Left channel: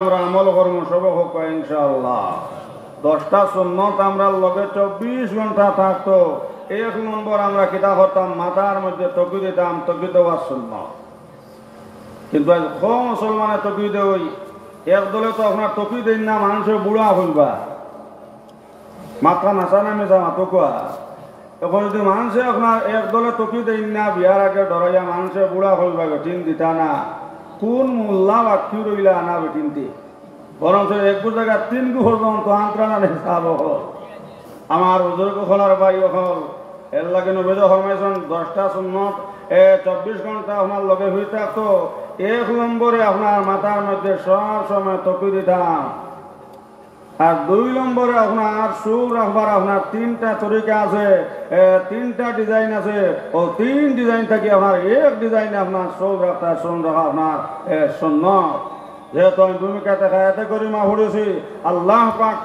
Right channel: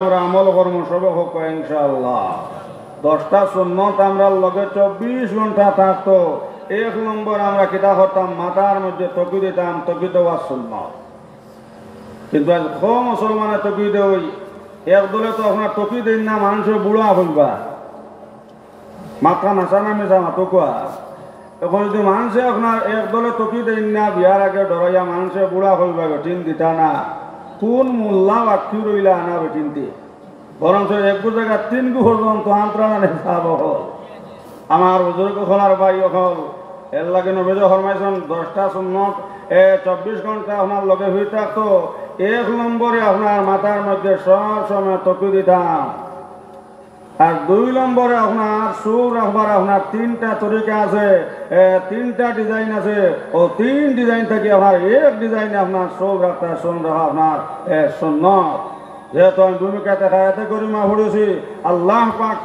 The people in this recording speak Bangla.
আমরা আমল কর্ম সব হোক ইনশাআল্লাহ। 10টা সুন্নত আমরা লগে 24 ঘন্টা থাকতো। 1 নম্বর আমরা কিতা করতাম, মাথার মধ্যে টকি দিতাম, টকি দেওয়া সুন্নত। কিন্তু আজ কম মুসলমানে টকি দেই, একদলে তো আপনার টকি দিন না, মানুষের বুড়া হইবা মাথা নাচা নামে যা মাতকুয়া। এখন যদি মানুষে আপনার একদলে টকি দিন না, বিয়ার আগে ডরাইয়া মানুষের বুড়া হইবা, বেটিন দিতা না, কোন মোল্লা বাক্যু রইলা আনা বেটিনটি বরঞ্চ এক জায়গা 3 গু পর্যন্ত আন্তরানে চাব হল। আমার বুজুর্গ খোলার ভাই হল এর লাগে নবেজ ফরমাইছেন 10টা সুন্নত 24 ঘন্টা আপনার লগে হয়ে থাকতো। 1 নম্বরে আপনার মাথার মধ্যে সব সময় টকি দিতাম। আর 2 নম্বরে আপনার সুর রাখবার আপনার 3টা তরিকা আছে, 3টা ডিজাইন আছে। ও 3 ডিজাইন থেকে আপনার এক ডিজাইনে আপনার সুর রাখা আপনার সুন্নত। যেহেতু আমি ভূমিকা দেখাতে করি মা পড়েছি, আল্লাহ পাক